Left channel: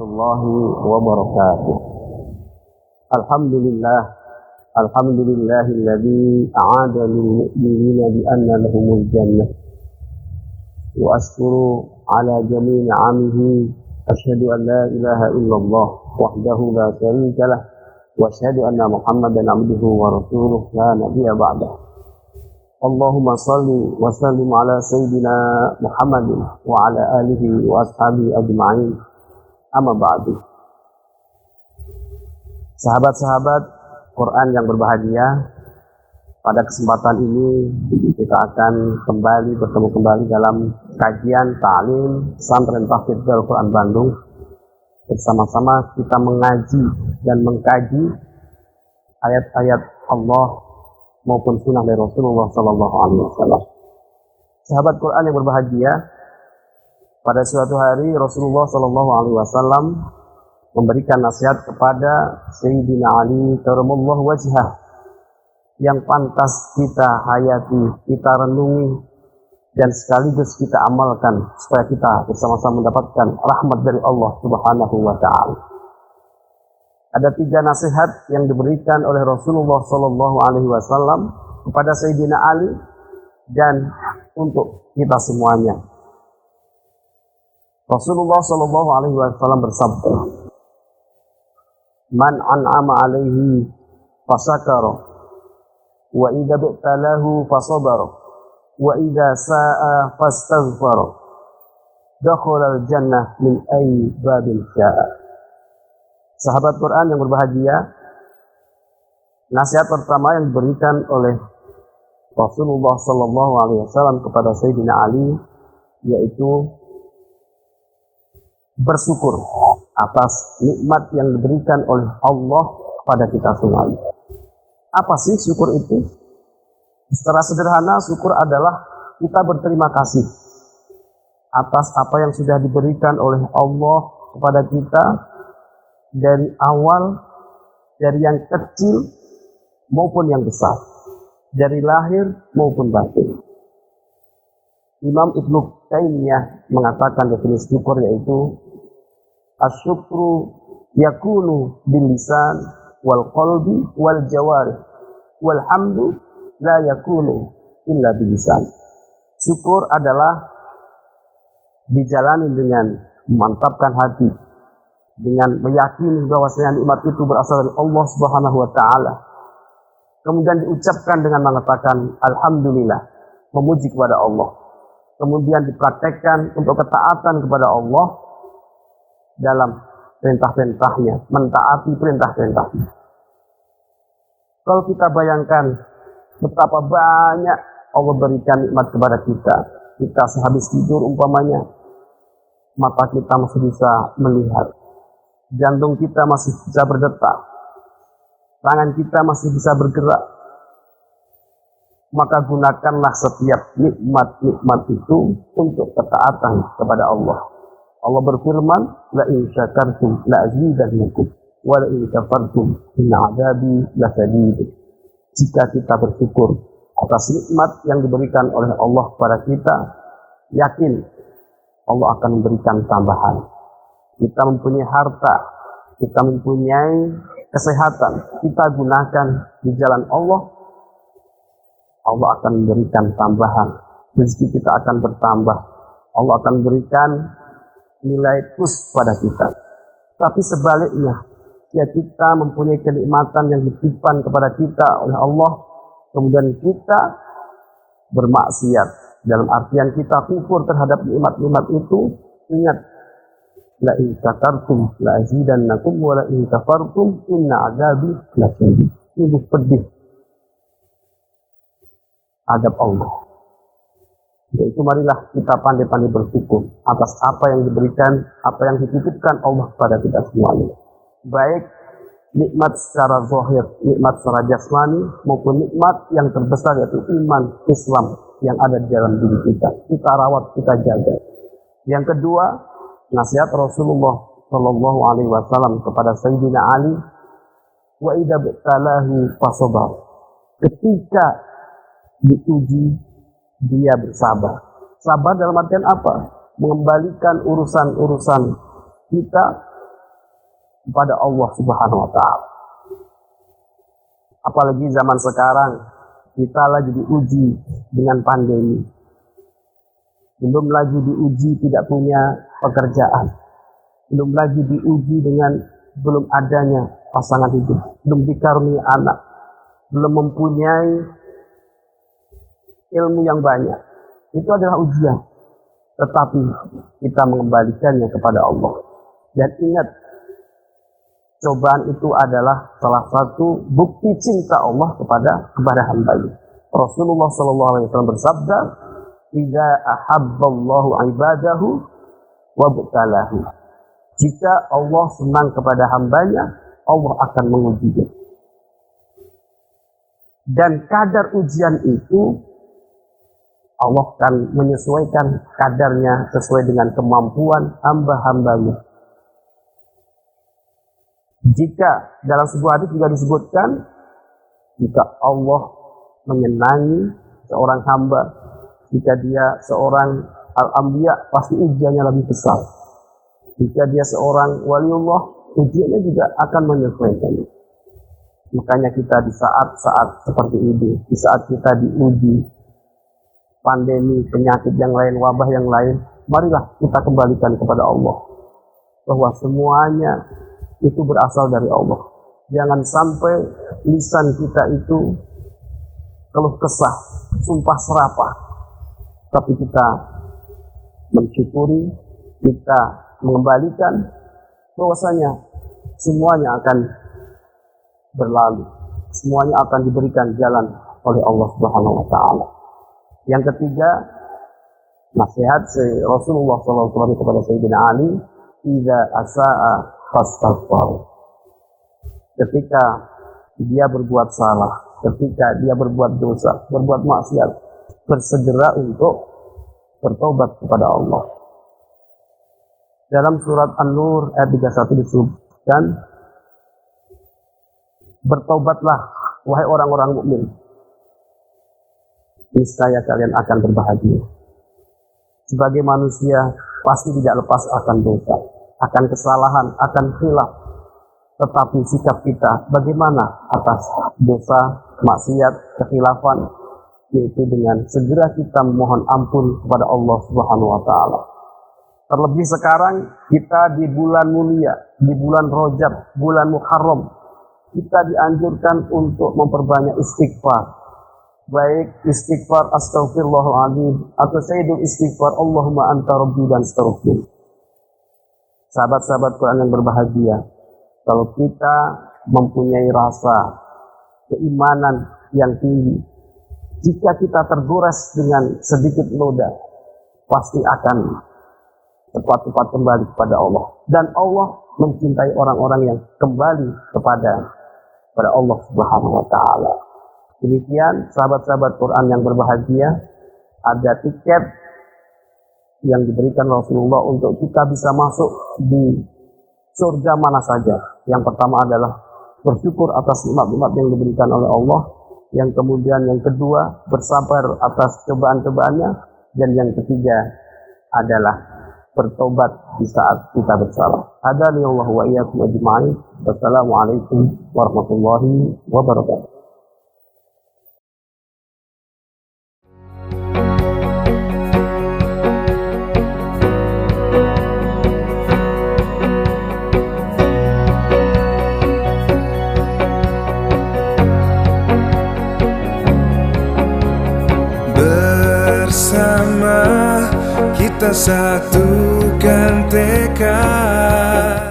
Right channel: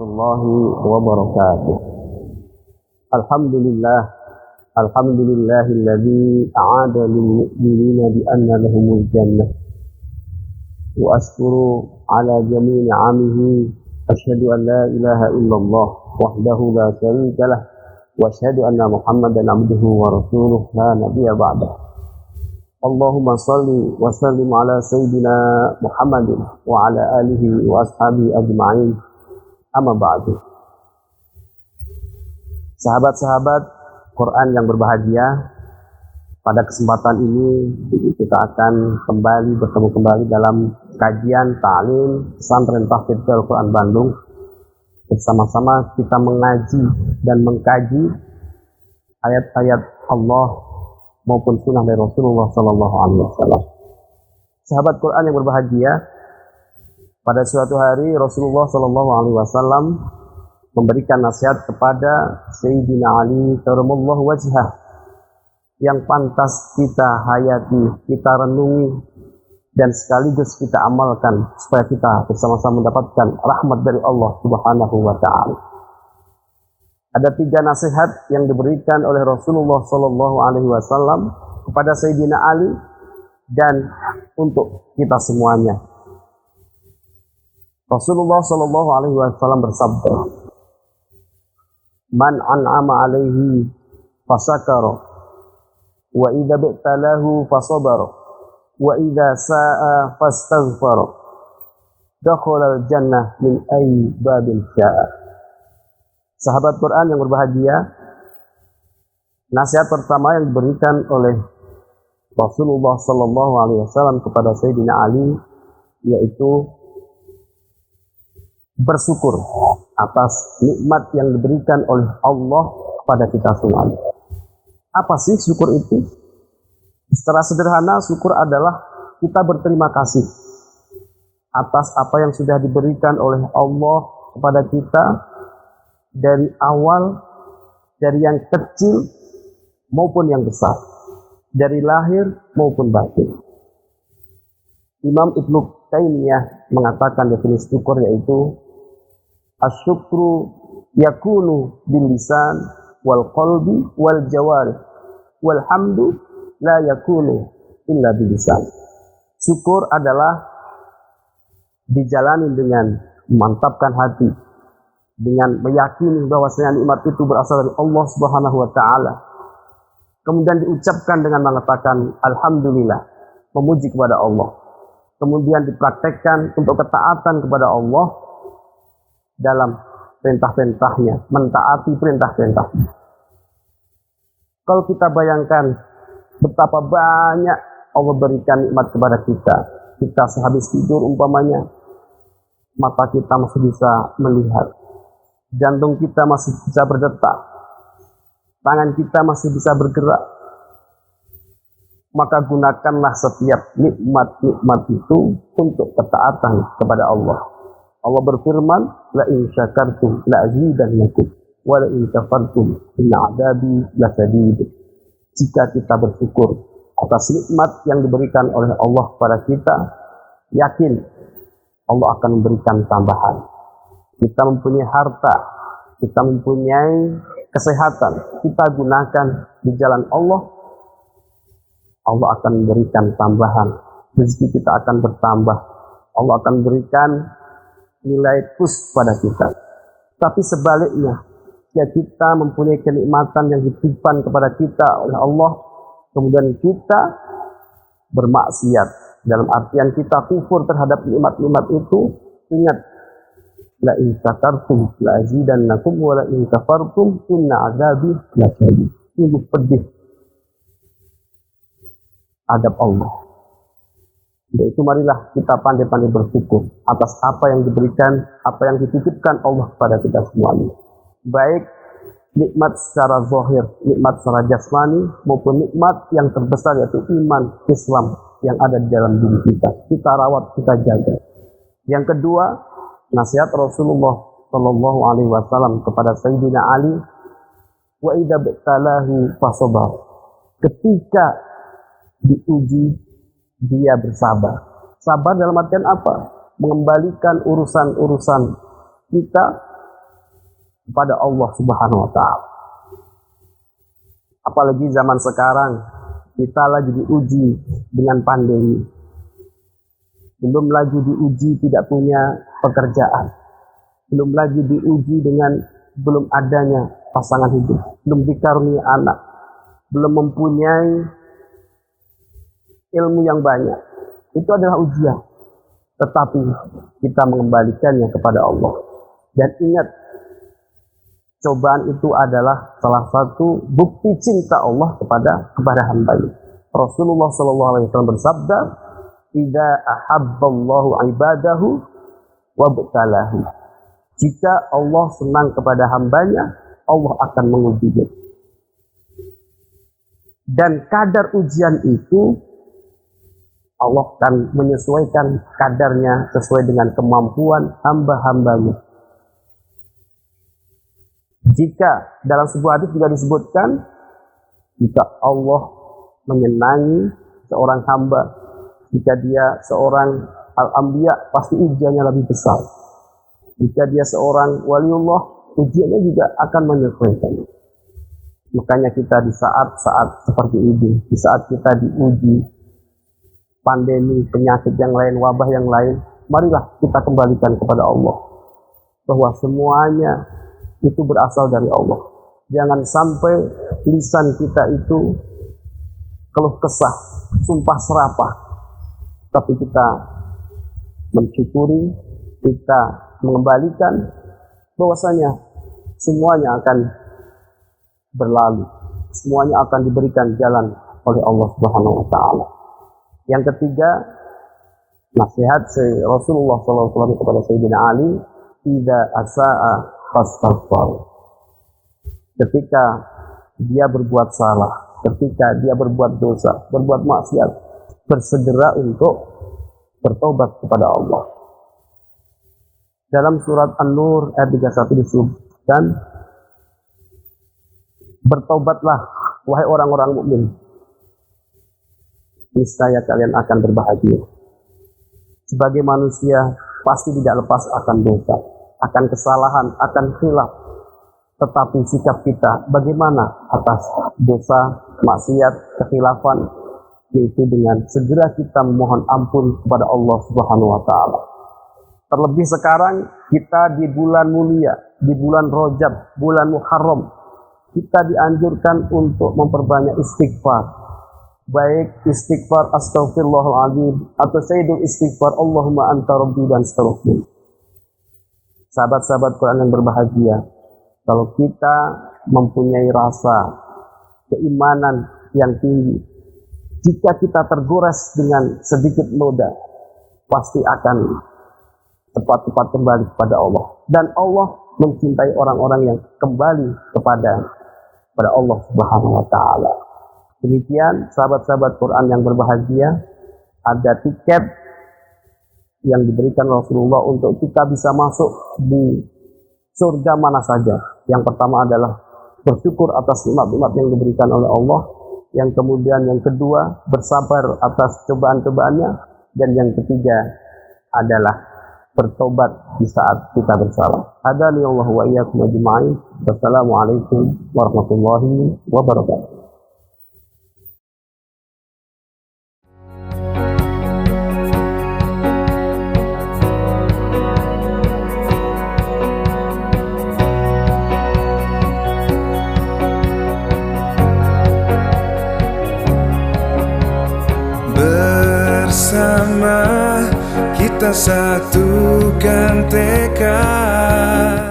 warahmatullahi wabarakatuh. Alhamdulillahilladzi a'ada lil mu'minina bi anna lahumul jannah. Wa ashkuru ala jami'i ni'amihi. Asyhadu an la ilaha illallah wahdahu la syarika lah wa asyhadu anna Muhammadan abduhu wa rasuluh la nabiyya ba'dah. Allahumma salli wa sallim ala sayyidina Muhammadin wa ala alihi wa ashabihi ajma'in. Amma ba'du. Sahabat-sahabat Quran yang berbahagia, pada kesempatan ini kita akan bertemu kembali dalam kajian ta'lim Pesantren Tahfidz Al-Quran Bandung. Bersama-sama kita mengaji dan mengkaji ayat-ayat Allah maupun sunnah dari Rasulullah Sallallahu Alaihi Wasallam. Sahabat Quran yang berbahagia, pada suatu hari Rasulullah Sallallahu Alaihi Wasallam memberikan nasihat kepada Sayyidina Ali Karamallahu wajhah yang pantas kita hayati, kita renungi, dan sekaligus kita amalkan supaya kita bersama-sama mendapatkan rahmat dari Allah Subhanahu wa Ta'ala. Ada 3 nasihat yang diberikan oleh Rasulullah Sallallahu Alaihi Wasallam kepada Sayyidina Ali dan untuk kita semuanya. Rasulullah Sallallahu Alaihi Wasallam bersabda, "Man an'ama alaihi fasakara, wa idza btalahu fasabara, wa idza sa'a fastaghfara, dakhala al-jannah min ayyi babin sya'a." Sahabat Quran yang berbahagia, nasihat pertama yang diberikan oleh Rasulullah Sallallahu Alaihi Wasallam kepada Sayyidina Ali yaitu bersyukur atas nikmat yang diberikan oleh Allah kepada kita semua. Apa sih syukur itu? Secara sederhana, syukur adalah kita berterima kasih atas apa yang sudah diberikan oleh Allah kepada kita dari awal, dari yang kecil maupun yang besar, dari lahir maupun batin. Imam Ibnu Taimiyah mengatakan definisi syukur yaitu asyukru yakunu bil lisan wal qalbi wal jawarih wal hamdu la yakunu illa bil lisan. Syukur adalah dijalani dengan memantapkan hati, dengan meyakini bahwasanya nikmat itu berasal dari Allah Subhanahu wa Ta'ala. Kemudian diucapkan dengan mengatakan alhamdulillah, memuji kepada Allah. Kemudian dipraktekkan untuk ketaatan kepada Allah dalam perintah-perintahnya, mentaati perintah-perintahnya. Kalau kita bayangkan betapa banyak Allah berikan nikmat kepada kita, kita sehabis tidur umpamanya, mata kita masih bisa melihat, jantung kita masih bisa berdetak, tangan kita masih bisa bergerak, maka gunakanlah setiap nikmat-nikmat itu untuk ketaatan kepada Allah. Allah berfirman, la in syakartum la azidannakum wa la in kafartum inna 'adzabi lasyadid. Jika kita bersyukur atas nikmat yang diberikan oleh Allah kepada kita, yakin Allah akan memberikan tambahan. Kita mempunyai harta, kita mempunyai kesehatan, kita gunakan di jalan Allah, Allah akan memberikan tambahan. Rezeki kita akan bertambah. Allah akan memberikan nilai plus pada kita. Tapi sebaliknya, ya kita mempunyai kenikmatan yang dititipkan kepada kita oleh Allah, kemudian kita bermaksiat, dalam artian kita kufur terhadap nikmat-nikmat itu, ingat, la in syakartum la azidannakum wa la in kafartum inna 'adzabi lasyadid. Ini pedih adab Allah. Yaitu marilah kita pandai-pandai bersyukur atas apa yang diberikan, apa yang dititipkan Allah pada kita semuanya. Baik nikmat secara zahir, nikmat secara jasmani, maupun nikmat yang terbesar yaitu iman Islam yang ada di dalam diri kita. Kita rawat, kita jaga. Yang kedua, nasihat Rasulullah Sallallahu Alaihi Wasallam kepada Sayyidina Ali, wa idza btalahi fasabar. Ketika diuji, dia bersabar. Sabar dalam artian apa? Mengembalikan urusan-urusan kita kepada Allah Subhanahu wa Ta'ala. Apalagi zaman sekarang kita lagi diuji dengan pandemi. Belum lagi diuji tidak punya pekerjaan. Belum lagi diuji dengan belum adanya pasangan hidup. Belum dikaruniai anak. Belum mempunyai ilmu yang banyak. Itu adalah ujian. Tetapi kita mengembalikannya kepada Allah. Dan ingat, cobaan itu adalah salah satu bukti cinta Allah kepada hamba-Nya. Rasulullah SAW bersabda, "Idza ahabballahu ibadahu wabtalahu." Jika Allah senang kepada hamba-Nya, Allah akan mengujinya. Dan kadar ujian itu Allah akan menyesuaikan kadarnya sesuai dengan kemampuan hamba-hambanya. Jika dalam sebuah hadis juga disebutkan, jika Allah menyenangi seorang hamba, jika dia seorang al-anbiya, pasti ujiannya lebih besar. Jika dia seorang waliullah, ujiannya juga akan menyesuaikan. Makanya kita di saat-saat seperti ini, di saat kita diuji pandemi, penyakit yang lain, wabah yang lain, marilah kita kembalikan kepada Allah. Bahwa semuanya itu berasal dari Allah. Jangan sampai lisan kita itu keluh kesah, sumpah serapah. Tapi kita mensyukuri, kita mengembalikan bahwasanya semuanya akan berlalu. Semuanya akan diberikan jalan oleh Allah Subhanahu wa Ta'ala. Yang ketiga, nasihat Rasulullah SAW kepada Sayyidina Ali, "Idza asa'a fastaghfar." Ketika dia berbuat salah, ketika dia berbuat dosa, berbuat maksiat, bersegera untuk bertobat kepada Allah. Dalam surat An-Nur ayat 31 disebutkan, "Bertobatlah wahai orang-orang mukmin, niscaya kalian akan berbahagia." Sebagai manusia pasti tidak lepas akan dosa, akan kesalahan, akan khilaf. Tetapi sikap kita bagaimana atas dosa, maksiat, kekhilafan, yaitu dengan segera kita memohon ampun kepada Allah Subhanahu wa Ta'ala. Terlebih sekarang kita di bulan mulia, di bulan Rajab, bulan Muharram, kita dianjurkan untuk memperbanyak istighfar. Baik istighfar astaghfirullahaladzim atau sayyidul istighfar Allahumma anta rabbi dan seterusnya. Sahabat-sahabat Quran yang berbahagia, kalau kita mempunyai rasa keimanan yang tinggi, jika kita tergores dengan sedikit noda, pasti akan cepat-cepat kembali kepada Allah. Dan Allah mencintai orang-orang yang kembali kepada Allah Subhanahu wa Ta'ala. Demikian sahabat-sahabat Quran yang berbahagia, ada tiket yang diberikan Rasulullah untuk kita bisa masuk di surga mana saja. Yang pertama adalah bersyukur atas nikmat-nikmat yang diberikan oleh Allah. Yang kemudian yang kedua, bersabar atas cobaan-cobaannya. Dan yang ketiga adalah bertobat di saat kita bersalah. Hadani Allah wa iyyakum ajma'in. Wassalamualaikum warahmatullahi wabarakatuh. Bersama kita satukan tekad.